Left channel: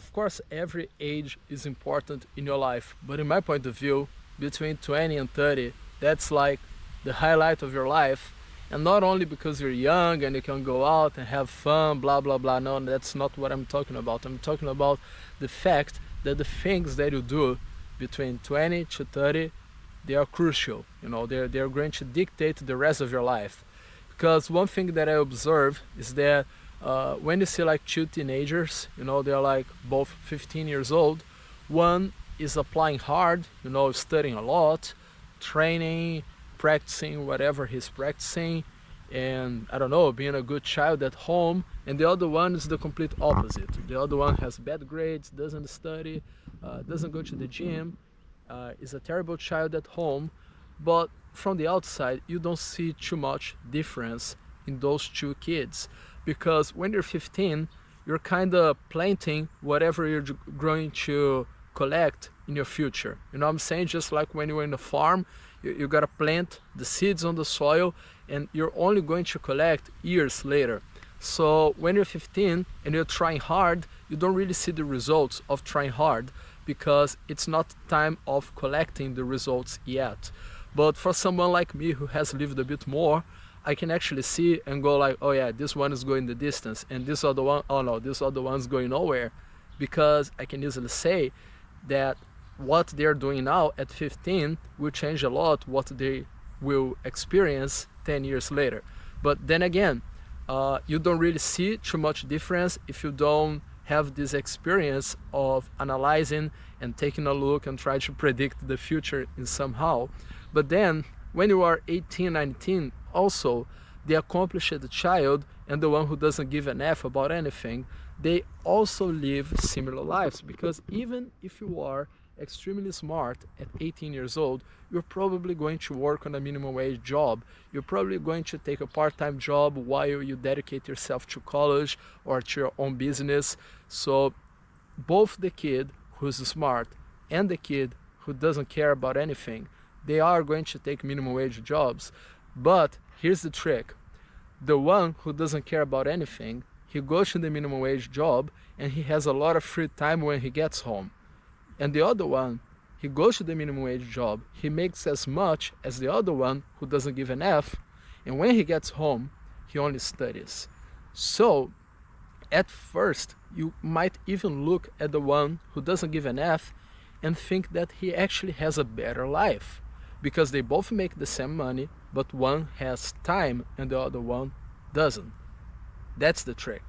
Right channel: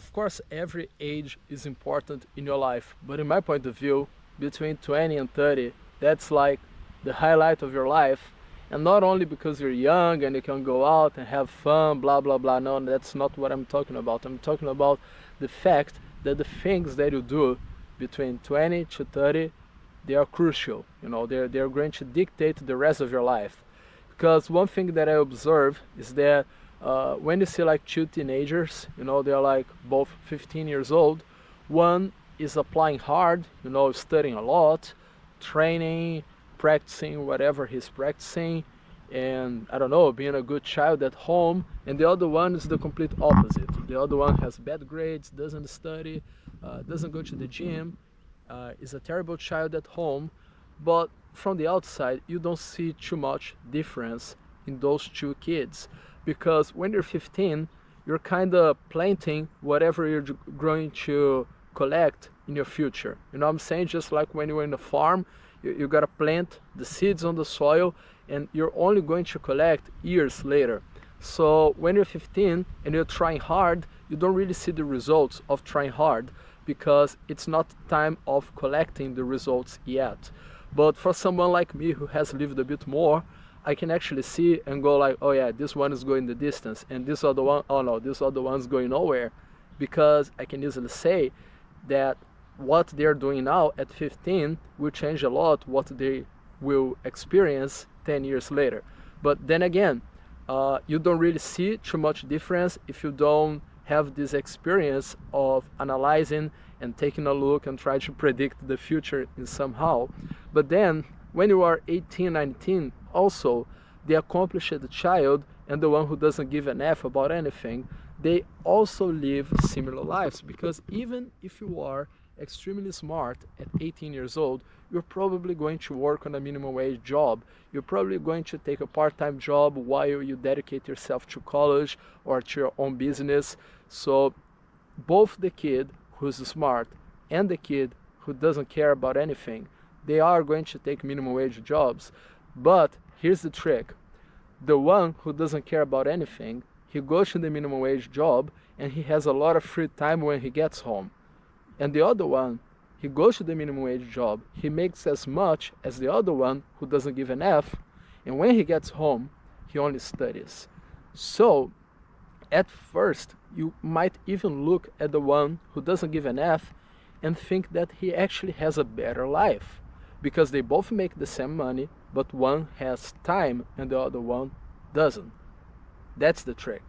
of course, every age is important in your life, but in my point of view, between 20 and 30, that's like the highlight of your life. And not only because you're young and you can go out and have fun, blah, blah, blah. No, that's not what I'm talking about. I'm talking about the fact that the things that you do between 20 to 30, they are crucial. They're going to dictate the rest of your life. Because one thing that I observe is that when you see like two teenagers, they're like both 15 years old. One is applying hard, studying a lot, training, practicing whatever he's practicing, and I don't know, being a good child at home. And the other one is the complete opposite. The other one has bad grades, doesn't study, doesn't go to the gym, is a terrible child at home. But from the outside, you don't see too much difference in those two kids, because when you're 15, you're kind of planting whatever you're going to collect in your future. You know what I'm saying? Just like when you're in a farm, you gotta plant the seeds on the soil, and you're only going to collect years later. So when you're 15 and you're trying hard, you don't really see the results of trying hard, because it's not time of collecting the results yet. But for someone like me who has lived a bit more, I can actually see and go like, oh yeah, this one is going the distance, and this other one, oh no, this other one's going nowhere. Because I can easily say that what they're doing now at 15 will change a lot what they will experience 10 years later. But then again, you don't really see too much difference if you don't have this experience of analyzing and taking a look and try to predict the future in somehow. But then when you are 18, 19, also the accomplished child and the one who doesn't give an F about anything, they also live similar lives. Because even if you are extremely smart at 18 years old, you're probably going to work on a minimum wage job. You're probably going to take a part-time job while you dedicate yourself to college or to your own business. So both the kid who's smart and the kid who doesn't care about anything, they are going to take minimum wage jobs. But here's the trick. The one who doesn't care about anything, he goes to the minimum wage job and he has a lot of free time when he gets home. And the other one, he goes to the minimum wage job, he makes as much as the other one who doesn't give an F, and when he gets home, he only studies. So at first, you might even look at the one who doesn't give an F and think that he actually has a better life, because they both make the same money, but one has time and the other one doesn't. That's the trick.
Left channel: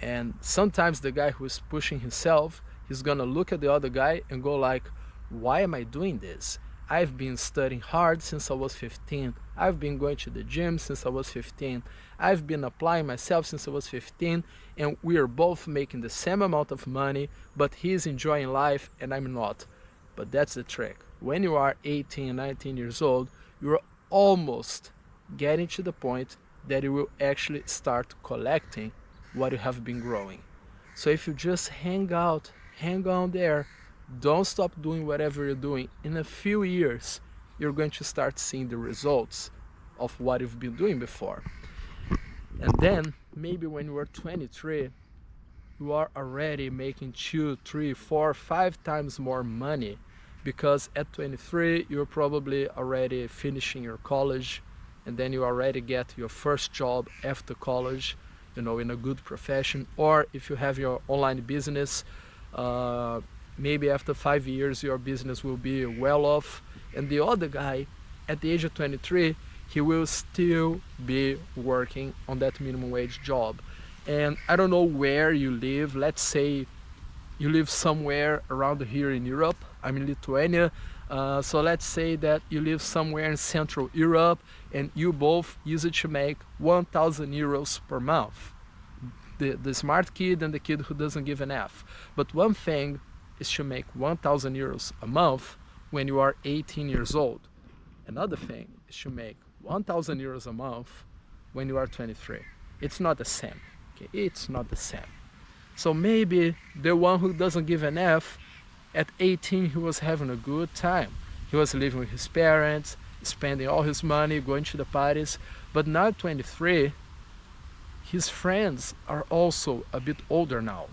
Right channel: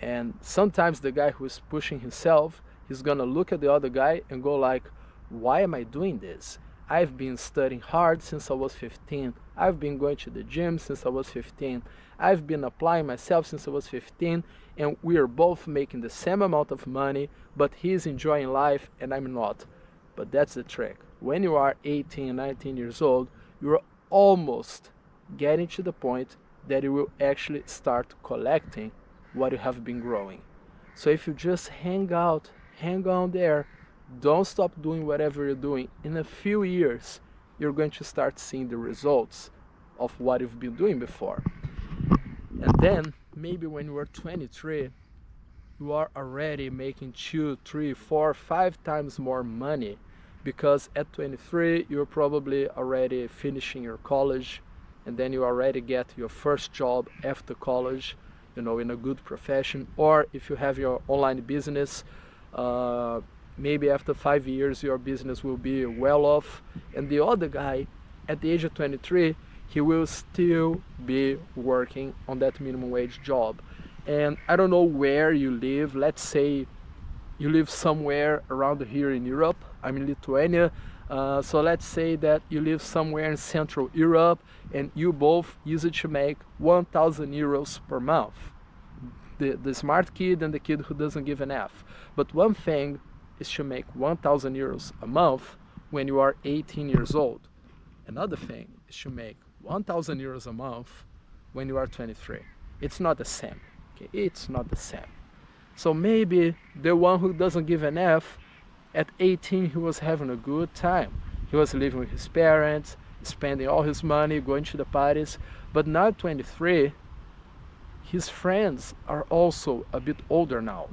And sometimes the guy who is pushing himself, he's gonna look at the other guy and go like, why am I doing this? I've been studying hard since I was 15. I've been going to the gym since I was 15. I've been applying myself since I was 15, and we are both making the same amount of money, but he's enjoying life and I'm not. But that's the trick. When you are 18, 19 years old, you're almost getting to the point that you will actually start collecting what you have been growing. So if you just hang on there, don't stop doing whatever you're doing, in a few years, you're going to start seeing the results of what you've been doing before. And then maybe when you are 23, you are already making 2, 3, 4, 5 times more money, because at 23 you're probably already finishing your college, and then you already get your first job after college, in a good profession. Or if you have your online business, maybe after 5 years your business will be well off. And the other guy at the age of 23, he will still be working on that minimum wage job. And I don't know where you live. Let's say you live somewhere around here in Europe. I'm in Lithuania. So let's say that you live somewhere in Central Europe and you both used to make 1,000 euros per month. The smart kid and the kid who doesn't give an F. But one thing is to make 1,000 euros a month when you are 18 years old. Another thing is to make 1,000 euros a month when you are 23. It's not the same. Okay? It's not the same. So maybe the one who doesn't give an F, at 18 he was having a good time. He was living with his parents, spending all his money, going to the parties. But now at 23, his friends are also a bit older now.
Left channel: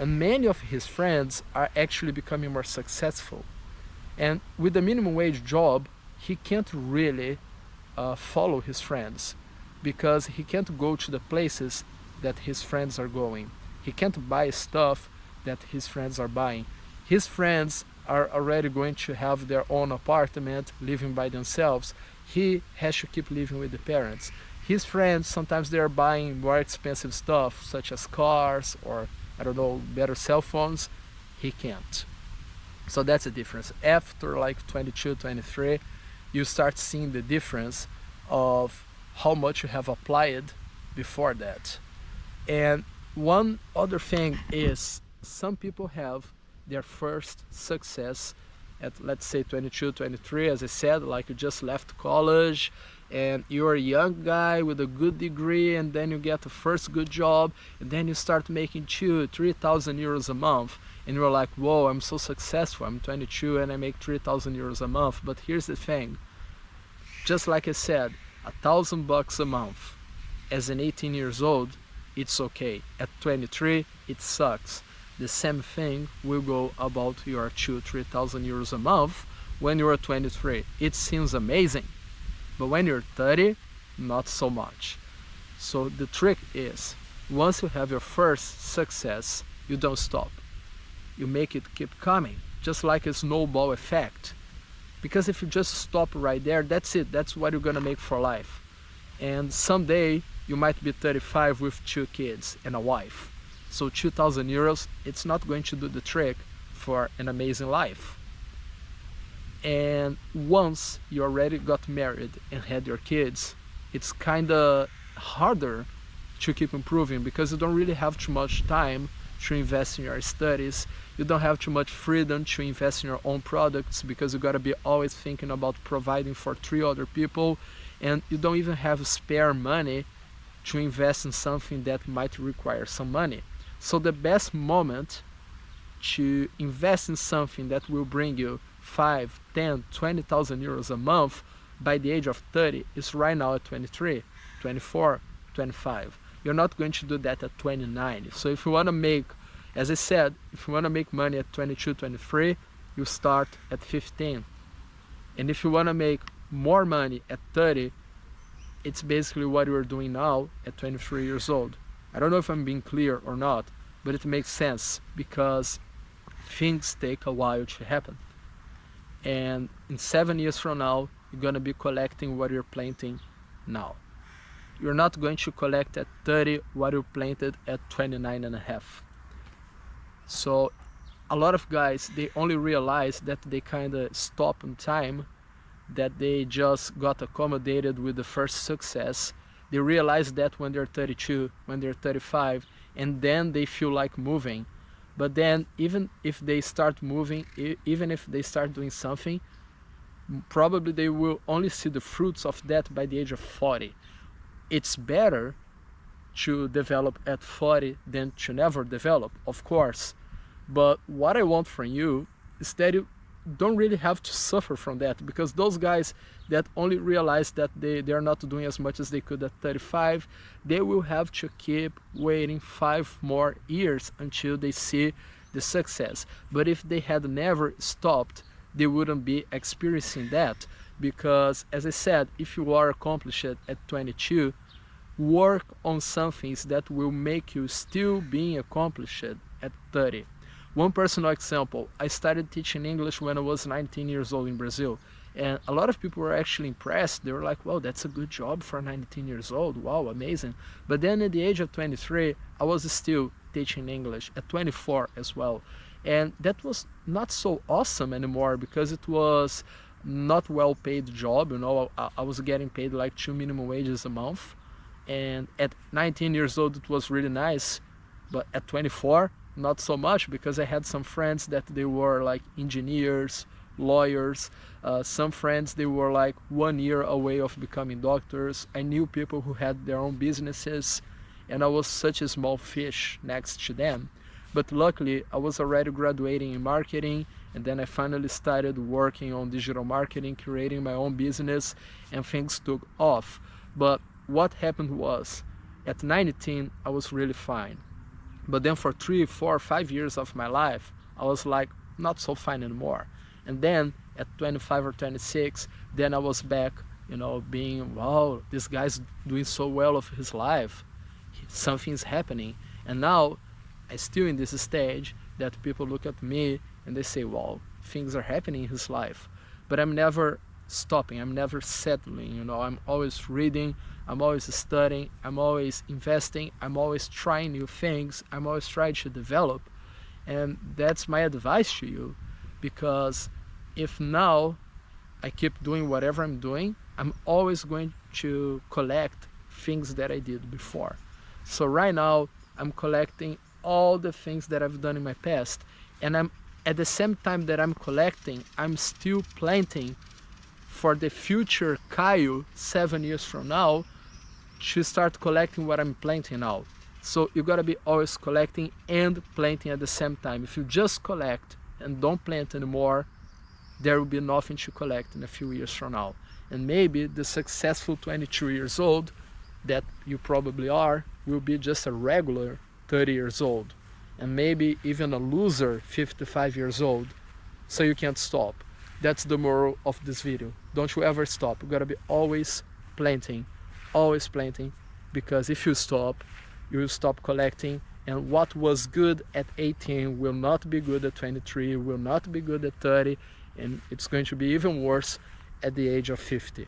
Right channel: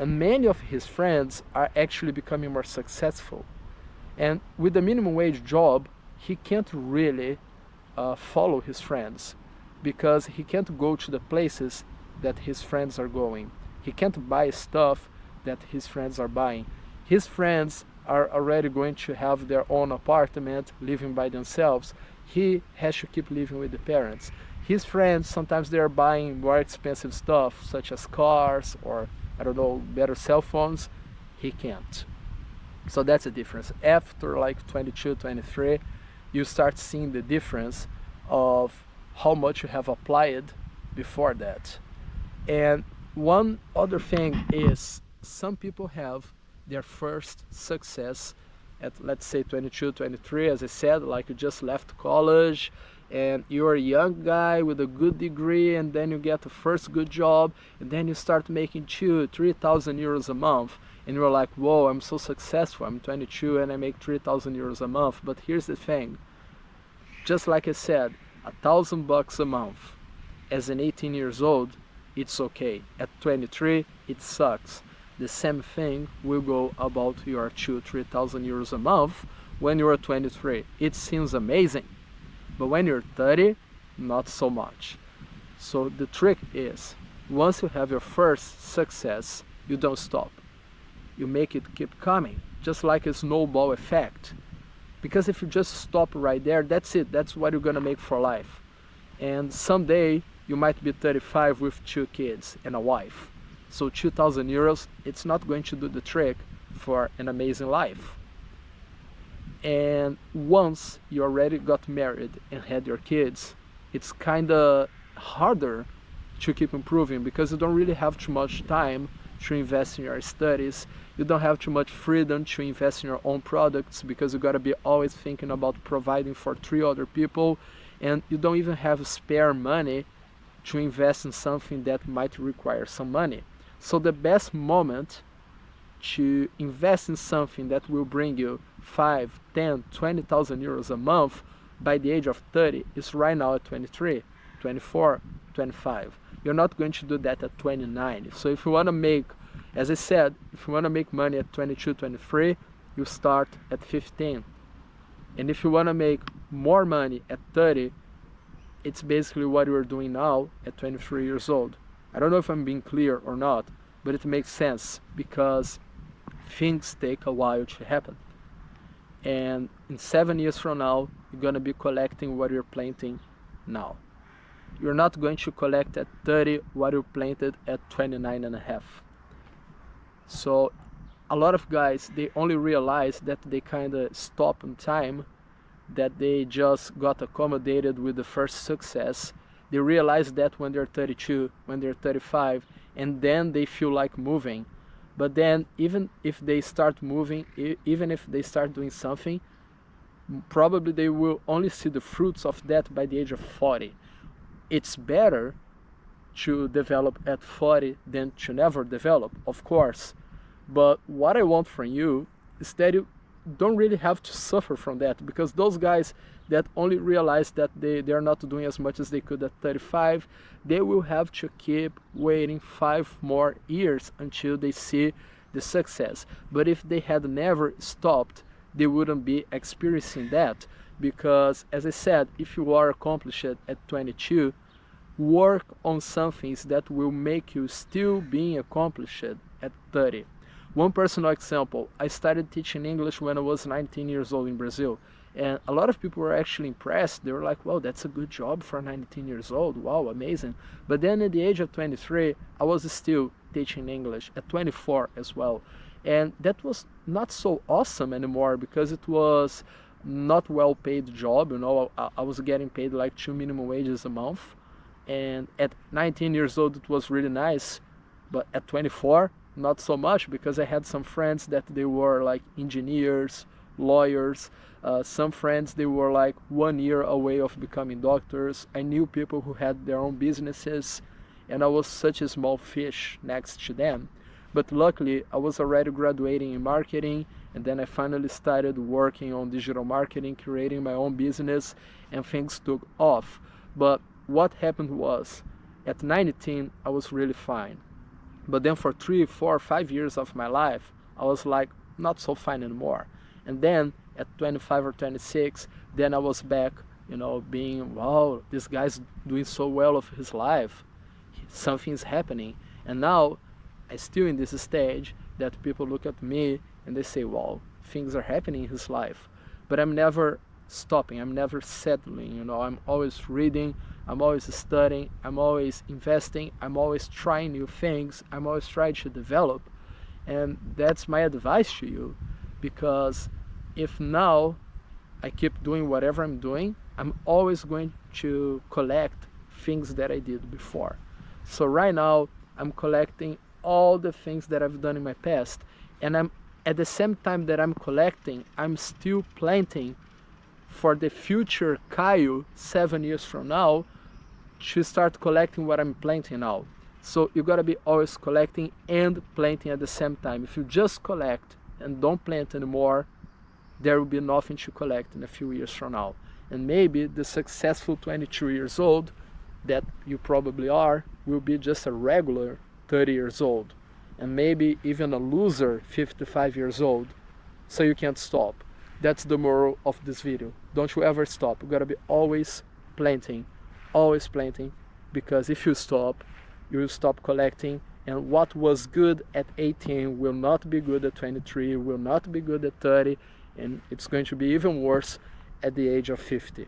And many of his friends are actually becoming more successful. And with the minimum wage job, he can't really follow his friends, because he can't go to the places that his friends are going. He can't buy stuff that his friends are buying. His friends are already going to have their own apartment, living by themselves. He has to keep living with the parents. His friends, sometimes they are buying more expensive stuff, such as cars or, I don't know, better cell phones. He can't. So that's the difference. After like 22, 23, you start seeing the difference of how much you have applied before that. And one other thing is, some people have their first success at, let's say, 22, 23, as I said, like you just left college and you're a young guy with a good degree, and then you get the first good job, and then you start making 2,000-3,000 euros a month, and you're like, whoa, I'm so successful, I'm 22 and I make 3,000 euros a month. But here's the thing, just like I said, $1,000 a month as an 18 years old, it's okay. At 23, it sucks. The same thing will go about your 2,000-3,000 euros a month when you're 23. It seems amazing, but when you're 30, not so much. So the trick is, once you have your first success, you don't stop. You make it keep coming, just like a snowball effect. Because if you just stop right there, that's it. That's what you're gonna make for life. And someday you might be 35 with 2 kids and a wife. So 2,000 euros, it's not going to do the trick for an amazing life. And once you already got married and had your kids, it's kind of harder to keep improving, because you don't really have too much time to invest in your studies. You don't have too much freedom to invest in your own products, because you got to be always thinking about providing for 3 other people, and you don't even have spare money to invest in something that might require some money. So the best moment to invest in something that will bring you 5, 10, 20,000 euros a month by the age of 30 is right now at 23, 24, 25. You're not going to do that at 29. So if you want to make, as I said, if you want to make money at 22, 23, you start at 15. And if you want to make more money at 30, it's basically what you're doing now at 23 years old. I don't know if I'm being clear or not, but it makes sense, because things take a while to happen. And in 7 years from now, you're going to be collecting what you're planting now. You're not going to collect at 30 what you planted at 29 and a half. So a lot of guys, they only realize that they kind of stop in time, that they just got accommodated with the first success. They realize that when they're 32, when they're 35, and then they feel like moving. But then even if they start moving, even if they start doing something, probably they will only see the fruits of that by the age of 40. It's better to develop at 40 than to never develop, of course. But what I want from you is that you don't really have to suffer from that, because those guys that only realize that they're not doing as much as they could at 35, they will have to keep waiting 5 more years until they see the success. But if they had never stopped, they wouldn't be experiencing that, because as I said, if you are accomplished at 22, work on some things that will make you still being accomplished at 30. One personal example, I started teaching English when I was 19 years old in Brazil, and a lot of people were actually impressed. They were like, wow, that's a good job for 19 years old, wow, amazing. But then at the age of 23, I was still teaching English, at 24 as well. And that was not so awesome anymore, because it was not well paid job. You know, I was getting paid like 2 minimum wages a month. And at 19 years old, it was really nice. But at 24, not so much, because I had some friends that they were like engineers, lawyers. Some friends, they were like 1 year away of becoming doctors. I knew people who had their own businesses, and I was such a small fish next to them. But luckily, I was already graduating in marketing, and then I finally started working on digital marketing, creating my own business, and things took off. But what happened was, at 19, I was really fine. But then for 3, 4, 5 years of my life, I was like not so fine anymore. And then at 25 or 26, then I was back, you know, being, wow, this guy's doing so well of his life. Something's happening. And now I still in this stage that people look at me and they say, wow, things are happening in his life. But I'm never stopping, I'm never settling, you know, I'm always reading, I'm always studying, I'm always investing, I'm always trying new things, I'm always trying to develop. And that's my advice to you, because if now I keep doing whatever I'm doing, I'm always going to collect things that I did before. So right now I'm collecting all the things that I've done in my past, and I'm at the same time that I'm collecting, I'm still planting for the future Kyle 7 years from now to start collecting what I'm planting now. So you gotta be always collecting and planting at the same time. If you just collect and don't plant anymore, there will be nothing to collect in a few years from now. And maybe the successful 22 years old that you probably are will be just a regular 30 years old, and maybe even a loser 55 years old. So you can't stop. That's the moral of this video. Don't you ever stop. You gotta be always planting, because if you stop, you will stop collecting, and what was good at 18 will not be good at 23, will not be good at 30, and it's going to be even worse at the age of 50.